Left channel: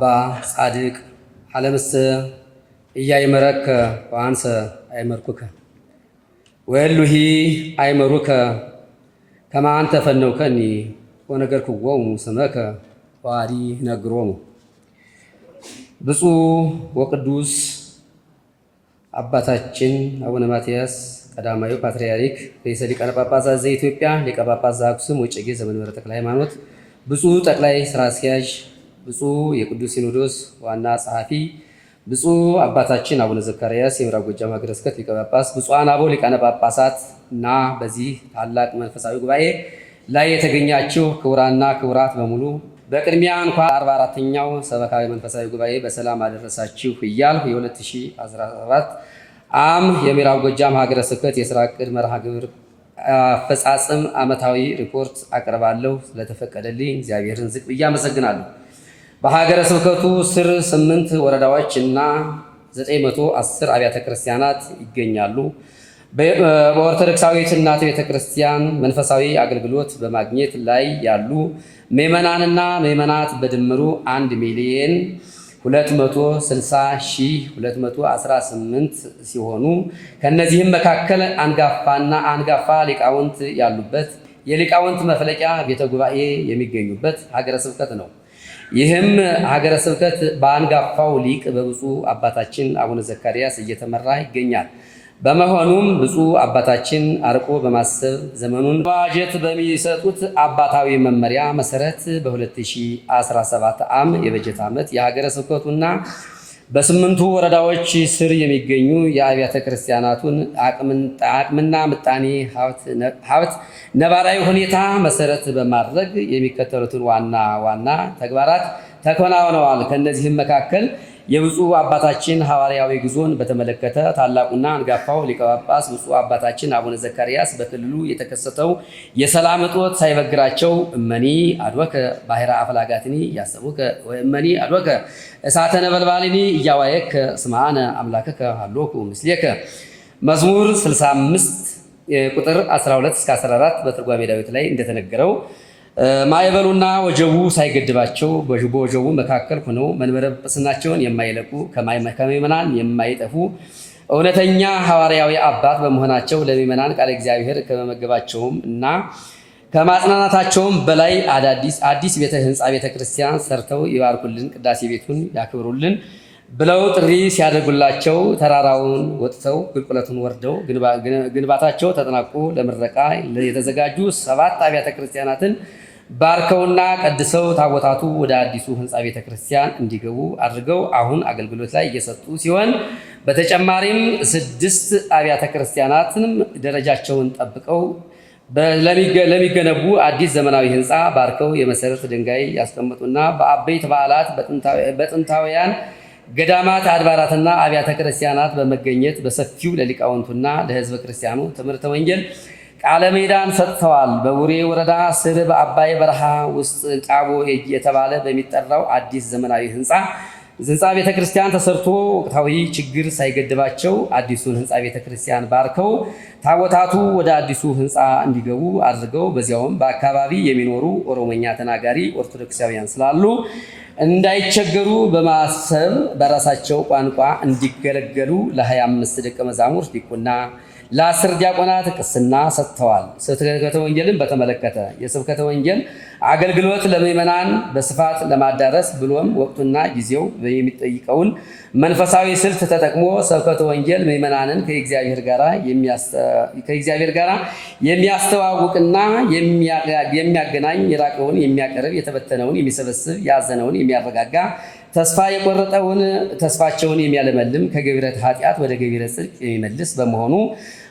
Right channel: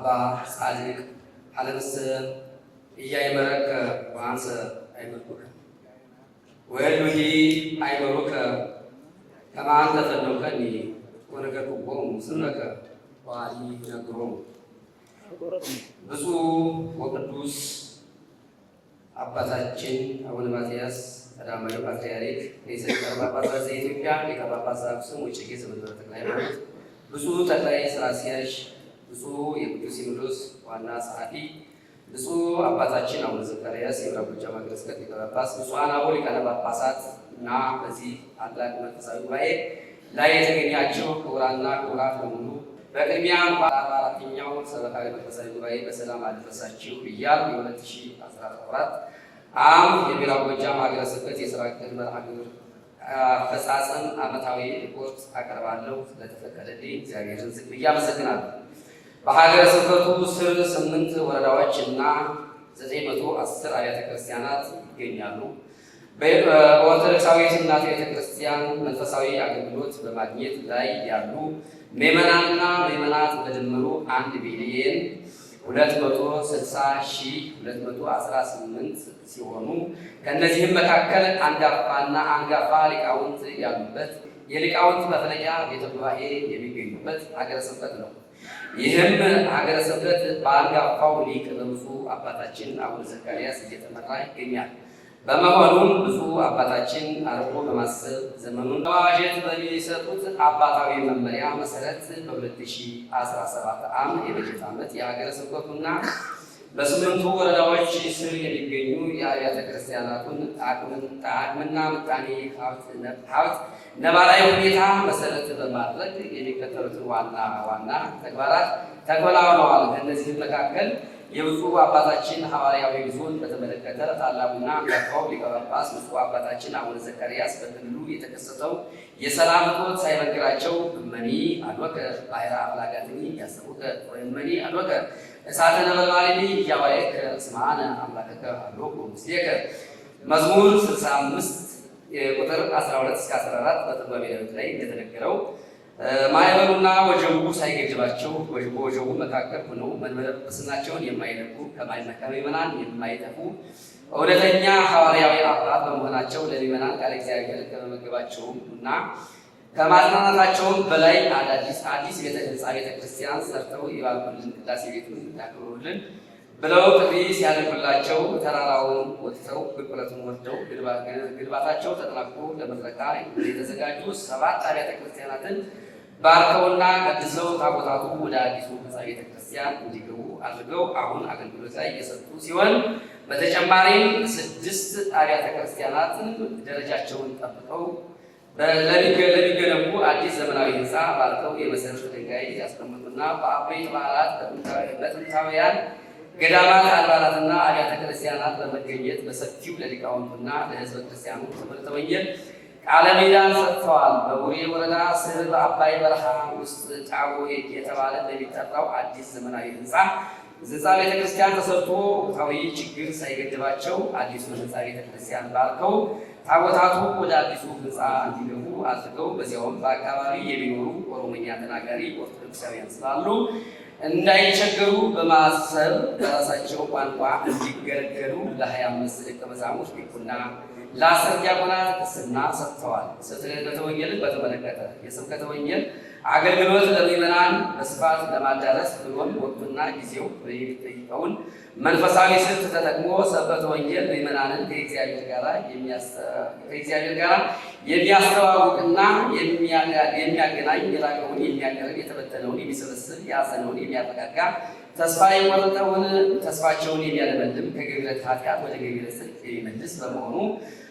አባ ጻድቅ አለምሰ እያይመረከ ወአንሰ አይመርኩከ ወሉሂ አይመሩከ ከማ አንተ ፈነውከኒ ወነገርኩዎሙ ስመከ ዋዲ ነግሮሙ። ብፁዕ ወቅዱስ አባታችን አቡነ ማትያስ ቀዳማዊ ፓትርያርክ ርዕሰ ሊቃነ ጳጳሳት ዘኢትዮጵያ ሊቀ ጳጳስ ዘአክሱም ወዕጨጌ ዘመንበረ ተክለ ሃይማኖት፣ ብፁዕ ጠቅላይ ሥራ አስኪያጅ፣ ብፁዕ የቅዱስ ሲኖዶስ ዋና ጸሐፊ፣ ብፁዕ አባታችን አቡነ ዘካርያስ የምዕራብ ጎጃም ሀገረ ስብከት ሊቀ ጳጳስ፣ ብፁዓን አበው ሊቃነ ጳጳሳት እና በዚህ ታላቅ መንፈሳዊ ጉባኤ ላይ የተገኛችሁ ክቡራንና ክቡራት በሙሉ በቅድሚያ እንኳን 44ኛው ሰበካዊ መንፈሳዊ ጉባኤ በሰላም አደረሳችሁ እያልሁ የ2014 የምዕራብ ጎጃም ሀገረ ስብከት የሥራ ዕቅድ መርሃ ግብር አፈጻጸም ዓመታዊ ሪፖርት አቀርባለሁ። ስለተፈቀደልኝ እግዚአብሔርን ዝቅ ብዬ አመሰግናለሁ። በሀገረ ስብከቱ ስር 8 ወረዳዎች እና 910 አብያተ ክርስቲያናት ይገኛሉ። በኦርቶዶክሳዊት እናት ቤተ ክርስቲያን መንፈሳዊ አገልግሎት በማግኘት ላይ ያሉ ምዕመናንና ምዕመናት በድምሩ 1,260,218 ሲሆኑ ከነዚህም መካከል አንጋፋ ሊቃውንት ያሉበት የሊቃውንት መፍለቂያ ቤተ ጉባኤ የሚገኙበት ሀገረ ስብከት ነው። ይህም ሀገረ ስብከት በአንጋፋው ሊቅ በብፁዕ አባታችን አቡነ ዘካርያስ እየተመራ ይገኛል። በመሆኑም ብፁዕ አባታችን አርቆ በማሰብ ዘመኑን በዋጀት በሚሰጡት አባታዊ መመሪያ መሰረት በ2017 የበጀት ዓመት የሀገረ ስብከቱና በ8ቱ ወረዳዎች ስር የሚገኙ የአብያተ ክርስቲያናቱን አቅምና ምጣኔ ሀብት ነባራዊ ሁኔታ መሰረት በማድረግ የሚከተሉትን ዋና ዋና ተግባራት ተከናውነዋል። ከእነዚህም መካከል የብፁዕ አባታችን ሐዋርያዊ ጉዞን በተመለከተ ታላቁና አንጋፋው ሊቀ ጳጳስ ብፁዕ አባታችን አቡነ ዘካርያስ በክልሉ የተከሰተው የሰላም እጦት ሳይበግራቸው እመኒ አድወከ ባሕረ አፍላጋትኒ እያሰቡከ ወእመኒ አድወከ እሳተ ነበልባልኒ እያዋየከ ስምዐነ አምላከከ ሀሎኩ ምስሌከ መዝሙር 65 ቁጥር 12-14 በትርጓሜ ዳዊት ላይ እንደተነገረው ማዕበሉና ወጀቡ ሳይገድባቸው በወጀቡ መካከል ሆነው መንበረ ጵጵስናቸውን የማይለቁ ከምዕመናን የማይጠፉ እውነተኛ ሐዋርያዊ አባት በመሆናቸው ለምዕመናን ቃለ እግዚአብሔር ከመመገባቸውም እና ከማጽናናታቸውም በላይ አዲስ ቤተ ህንፃ ቤተ ክርስቲያን ሰርተው ይባርኩልን፣ ቅዳሴ ቤቱን ያክብሩልን ብለው ጥሪ ሲያደርጉላቸው ተራራውን ወጥተው ቁልቁለቱን ወርደው ግንባታቸው ተጠናቆ ለምረቃ የተዘጋጁ 7 አብያተ ክርስቲያናትን ባርከውና ቀድሰው ታቦታቱ ወደ አዲሱ ህንፃ ቤተ ክርስቲያን እንዲገቡ አድርገው አሁን አገልግሎት ላይ እየሰጡ ሲሆን በተጨማሪም 6 አብያተ ክርስቲያናትንም ደረጃቸውን ጠብቀው ለሚገነቡ አዲስ ዘመናዊ ህንፃ ባርከው የመሰረት ድንጋይ ያስቀመጡና በአበይት በዓላት በጥንታውያን ገዳማት አድባራትና አብያተ ክርስቲያናት በመገኘት በሰፊው ለሊቃውንቱና ለህዝበ ክርስቲያኑ ትምህርተ ወንጌል ቃለ ሜዳን ሰጥተዋል። በቡሬ ወረዳ ስር በአባይ በረሃ ውስጥ ቃቦ የተባለ በሚጠራው አዲስ ዘመናዊ ህንፃ ቤተ ክርስቲያን ተሰርቶ ወቅታዊ ችግር ሳይገድባቸው አዲሱን ህንፃ ቤተ ክርስቲያን ባርከው ታቦታቱ ወደ አዲሱ ህንፃ እንዲገቡ አድርገው በዚያውም በአካባቢ የሚኖሩ ኦሮሞኛ ተናጋሪ ኦርቶዶክሳውያን ስላሉ እንዳይቸገሩ በማሰብ በራሳቸው ቋንቋ እንዲገለገሉ ለ25 ደቀ መዛሙርት ዲቁና ለ10 ዲያቆናት ቅስና ሰጥተዋል። ስብከተ ወንጌልን በተመለከተ የስብከተ ወንጌል አገልግሎት ለምዕመናን በስፋት ለማዳረስ ብሎም ወቅቱና ጊዜው የሚጠይቀውን መንፈሳዊ ስልት ተጠቅሞ ስብከተ ወንጌል ምዕመናንን ከእግዚአብሔር ጋር የሚያስተዋውቅና የሚያገናኝ፣ የራቀውን የሚያቀርብ፣ የተበተነውን የሚሰበስብ፣ ያዘነውን የሚያረጋጋ፣ ተስፋ የቆረጠውን ተስፋቸውን የሚያለመልም፣ ከገቢረ ኃጢአት ወደ ገቢረ ጽድቅ የሚመልስ በመሆኑ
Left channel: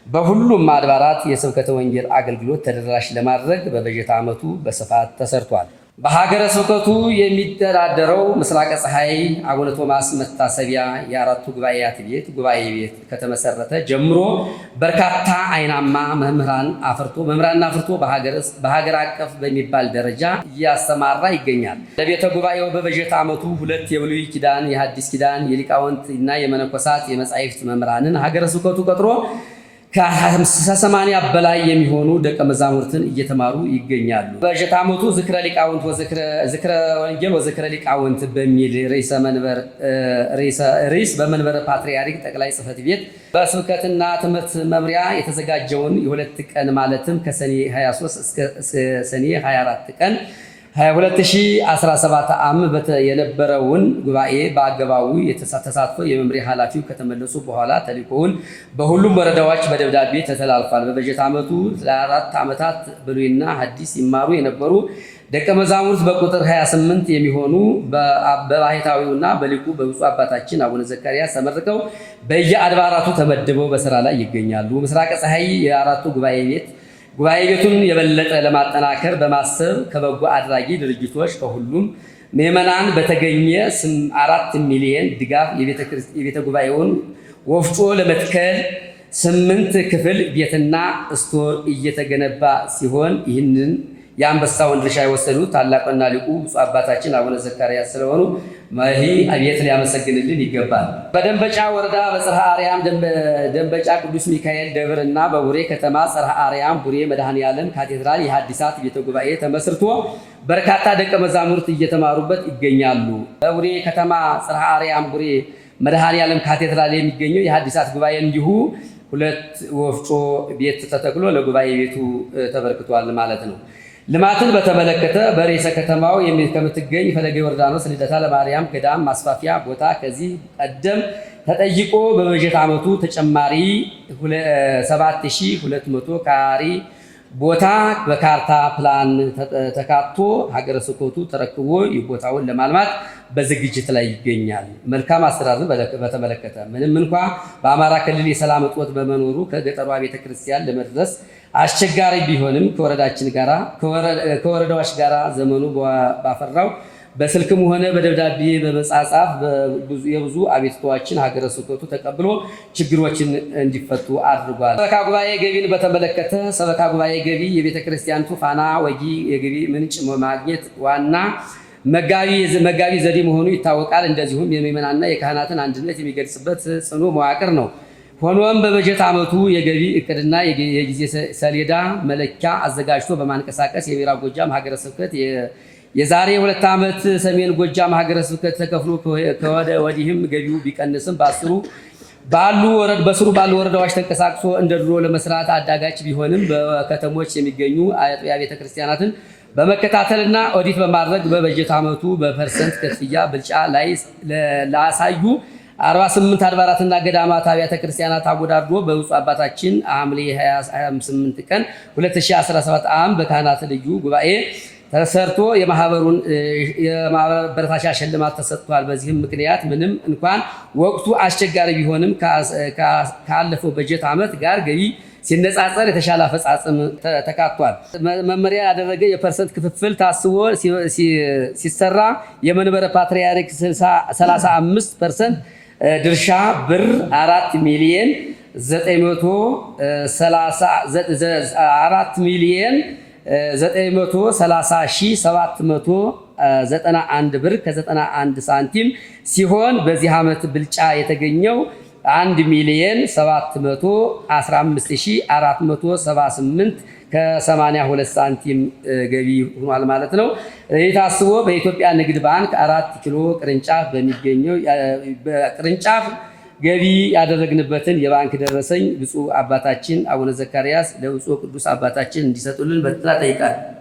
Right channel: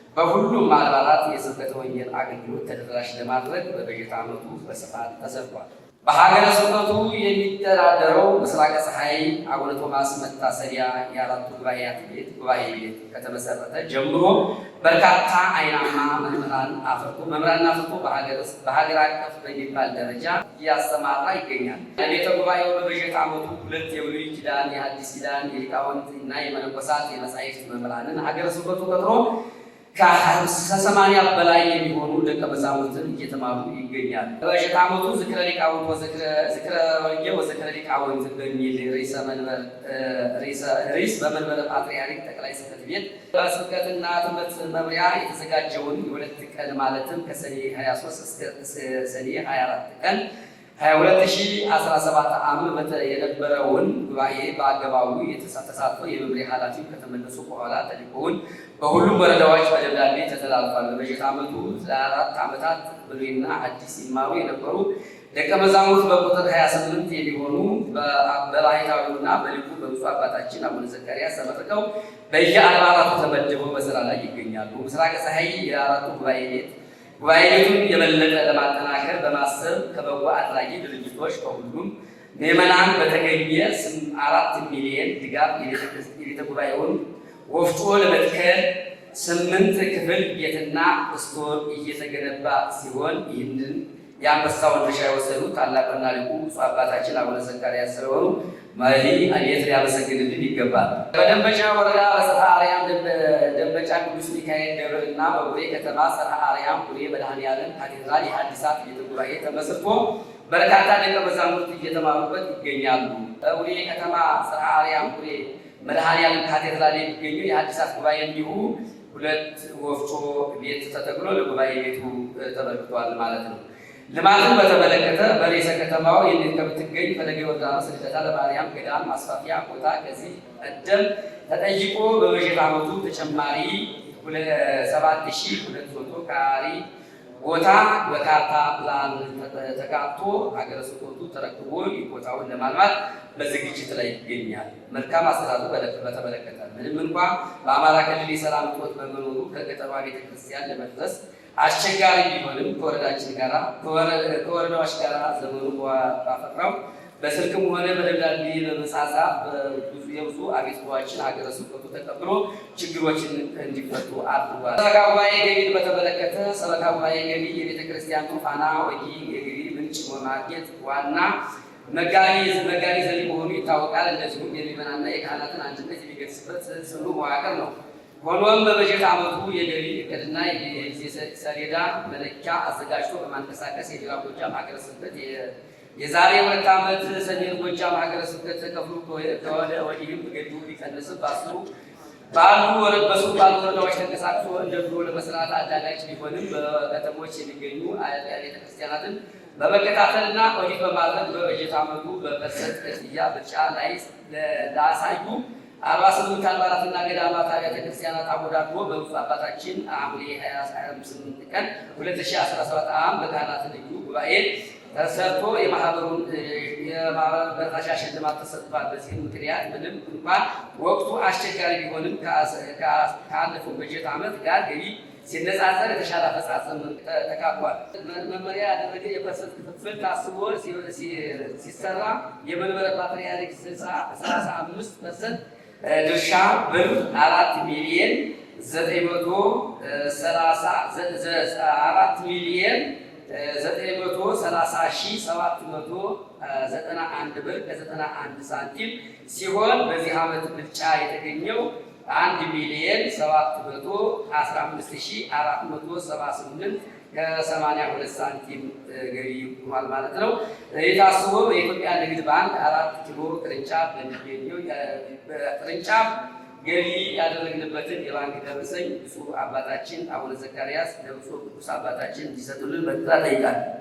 በሁሉም አድባራት የስብከተ ወንጌል አገልግሎት ተደራሽ ለማድረግ በበጀት ዓመቱ በስፋት ተሰርቷል። በሀገረ ስብከቱ የሚተዳደረው ምስራቀ ፀሐይ አቡነ ቶማስ መታሰቢያ የአራቱ ጉባኤያት ቤት ጉባኤ ቤት ከተመሰረተ ጀምሮ በርካታ አይናማ መምህራን አፍርቶ በሀገር አቀፍ በሚባል ደረጃ እያስተማራ ይገኛል። ለቤተ ጉባኤው በበጀት ዓመቱ 2 የብሉይ ኪዳን የሐዲስ ኪዳን የሊቃውንት እና የመነኮሳት የመጻሕፍት መምህራንን ሀገረ ስብከቱ ቀጥሮ ከ80 በላይ የሚሆኑ ደቀ መዛሙርትን እየተማሩ ይገኛሉ። በጀት ዓመቱ ዝክረ ሊቃውንት ዝክረ ወንጌል ወዝክረ ሊቃውንት በሚል ርዕስ በመንበረ ፓትርያርክ ጠቅላይ ጽሕፈት ቤት በስብከትና ትምህርት መምሪያ የተዘጋጀውን የ2 ቀን ማለትም ከሰኔ 23 እስከ ሰኔ 24 ቀን 2017 ዓ.ም የነበረውን ጉባኤ በአገባቡ ተሳትፎ የመምሪያ ኃላፊው ከተመለሱ በኋላ ተልእኮውን በሁሉም ወረዳዎች በደብዳቤ ተተላልፏል። በበጀት ዓመቱ ለ4 ዓመታት ብሉይና ሐዲስ ይማሩ የነበሩ ደቀ መዛሙርት በቁጥር 28 የሚሆኑ በባሕታዊውና በሊቁ በብፁዕ አባታችን አቡነ ዘካርያስ ተመርቀው በየአድባራቱ ተመድበው በስራ ላይ ይገኛሉ። ምስራቀ ፀሐይ የአራቱ ጉባኤ ቤቱን የበለጠ ለማጠናከር በማሰብ ከበጎ አድራጊ ድርጅቶች ከሁሉም ምዕመናን በተገኘ 4 ሚሊዮን ድጋፍ የቤተ ጉባኤውን ወፍጮ ለመትከል 8 ክፍል ቤትና ስቶር እየተገነባ ሲሆን ይህንን የአንበሳውን ድርሻ የወሰዱት ታላቅና ሊቁ ብፁዕ አባታችን አቡነ ዘካርያስ ስለሆኑ አቤት ሊያመሰግንልን ይገባል። በደንበጫ ወረዳ በጽርሐ አርያም ደንበጫ ቅዱስ ሚካኤል ደብር እና በቡሬ ከተማ ጽርሐ አርያም ቡሬ መድኃኔዓለም ካቴድራል የሐዲሳት ቤተ ጉባኤ ተመስርቶ በርካታ ደቀ መዛሙርት እየተማሩበት ይገኛሉ። በቡሬ ከተማ ጽርሐ አርያም ቡሬ መድኃኔዓለም ካቴድራል የሚገኘው የሐዲሳት ጉባኤ እንዲሁ 2 ወፍጮ ቤት ተተክሎ ለጉባኤ ቤቱ ተበርክቷል ማለት ነው። ልማትን በተመለከተ በርዕሰ ከተማው ከምትገኝ ፈለገ ዮርዳኖስ ልደታ ለማርያም ገዳም ማስፋፊያ ቦታ ከዚህ ቀደም ተጠይቆ በበጀት ዓመቱ ተጨማሪ 7200 ካሬ ቦታ በካርታ ፕላን ተካቶ ሀገረ ስብከቱ ተረክቦ ቦታውን ለማልማት በዝግጅት ላይ ይገኛል። መልካም አስተዳደር በተመለከተ ምንም እንኳ በአማራ ክልል የሰላም እጦት በመኖሩ ከገጠሯ ቤተክርስቲያን ለመድረስ አስቸጋሪ ቢሆንም ከወረዳዎች ጋር ዘመኑ ባፈራው በስልክም ሆነ በደብዳቤ በመጻጻፍ የብዙ አቤቱታዎችን ሀገረ ስብከቱ ተቀብሎ ችግሮችን እንዲፈቱ አድርጓል። ሰበካ ጉባኤ ገቢን በተመለከተ ሰበካ ጉባኤ ገቢ የቤተ ክርስቲያኒቱ ፋና ወጊ የገቢ ምንጭ ማግኘት ዋና መጋቢ ዘዴ መሆኑ ይታወቃል። እንደዚሁም የምዕመናንና የካህናትን አንድነት የሚገልጽበት ጽኑ መዋቅር ነው። ሆኖም በበጀት ዓመቱ የገቢ እቅድና የጊዜ ሰሌዳ መለኪያ አዘጋጅቶ በማንቀሳቀስ የምዕራብ ጎጃም ሀገረ ስብከት የዛሬ 2 ዓመት ሰሜን ጎጃም ሀገረ ስብከት ተከፍሎ ከወደ ወዲህም ገቢው ቢቀንስም በስሩ ባሉ ወረዳዎች ተንቀሳቅሶ እንደ ድሮ ለመስራት አዳጋች ቢሆንም በከተሞች የሚገኙ አጥቢያ ቤተክርስቲያናትን በመከታተልና ኦዲት በማድረግ በበጀት ዓመቱ በፐርሰንት ክፍያ ብልጫ ላይ ላሳዩ 48 አድባራትና ገዳማት አብያተ ክርስቲያናት አወዳድሮ በብፁዕ አባታችን ሐምሌ 28 ቀን 2017 ዓ.ም በካህናት ልዩ ጉባኤ ተሰርቶ የማበረታቻ ሽልማት ተሰጥቷል። በዚህም ምክንያት ምንም እንኳን ወቅቱ አስቸጋሪ ቢሆንም ካለፈው በጀት ዓመት ጋር ገቢ ሲነጻጸር የተሻለ አፈጻጸም ተካቷል። መመሪያ ያደረገ የፐርሰንት ክፍፍል ታስቦ ሲሰራ የመንበረ ፓትርያርክ 35% ድርሻ ብር 4 ሚሊዮን 930,791 ብር ከ91 ሳንቲም ሲሆን በዚህ ዓመት ብልጫ የተገኘው 1 ሚሊዮን 715,478 ከ82 ሳንቲም ገቢ ሆኗል ማለት ነው። የታስቦ በኢትዮጵያ ንግድ ባንክ 4 ኪሎ ቅርንጫፍ በሚገኘው ቅርንጫፍ ገቢ ያደረግንበትን የባንክ ደረሰኝ ብፁዕ አባታችን አቡነ ዘካርያስ ለብፁዕ ቅዱስ አባታችን እንዲሰጡልን በትህትና እጠይቃለሁ።